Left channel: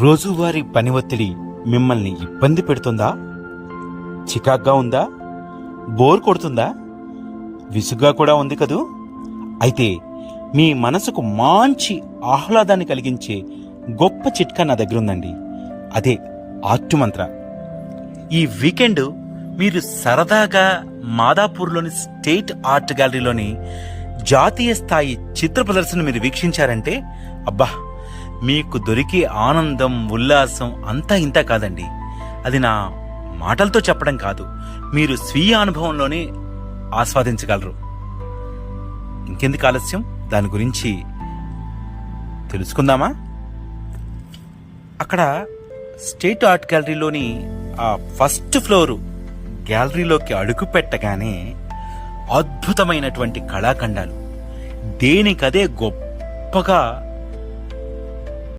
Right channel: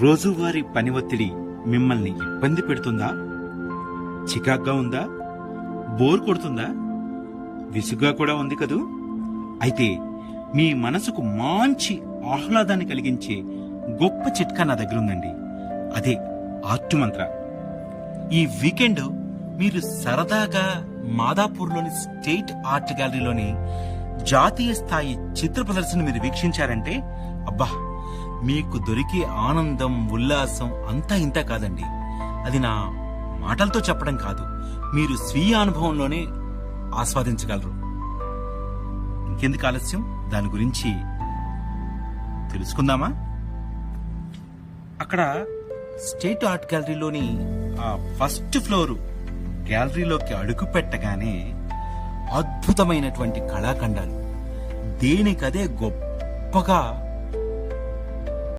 రోజువారీ పని ఒత్తిడి మిమ్మల్ని ఇబ్బంది పెడుతుందా? చికాగ్గా ఉందా? బోర్ కొడుతుందా? విసుగ్గా కూడా ఉంది కదూ? అయితే మీ మనసుకు మంచి ఆహ్లాదాన్ని కలిగించే గొప్ప చిట్కా నా దగ్గరుందండి. అదే ఆర్ట్ మంత్ర. ఈ వీకెండ్ మీరు సరదాగా మాదాపూర్లోని స్టేట్ ఆర్ట్ గ్యాలరీలోని జాతీయ స్థాయి చిత్ర ప్రదర్శన మీరు వీక్షించారంటే అబ్బా, మీకు దొరికే ఆనందం, ఉల్లాసం అంతా ఇంత కాదండి. అది నా మాటలతో చెప్పడం కాదు, మీరు స్వీయ అనుభవంలోనే ఆస్వాదించగలరు. ఇంకెందుకు ఆలస్యం, దాని గురించి తెలుసుకుందామా? అక్కడ స్టేట్ ఆర్ట్ గ్యాలరీలోని ఆ ఫస్ట్ ఫ్లోర్ గ్యాలరీలోకి అడుగు పెట్టగానే అద్భుతమైనటువంటి కళాఖండాలు దేనికదే గొప్పగా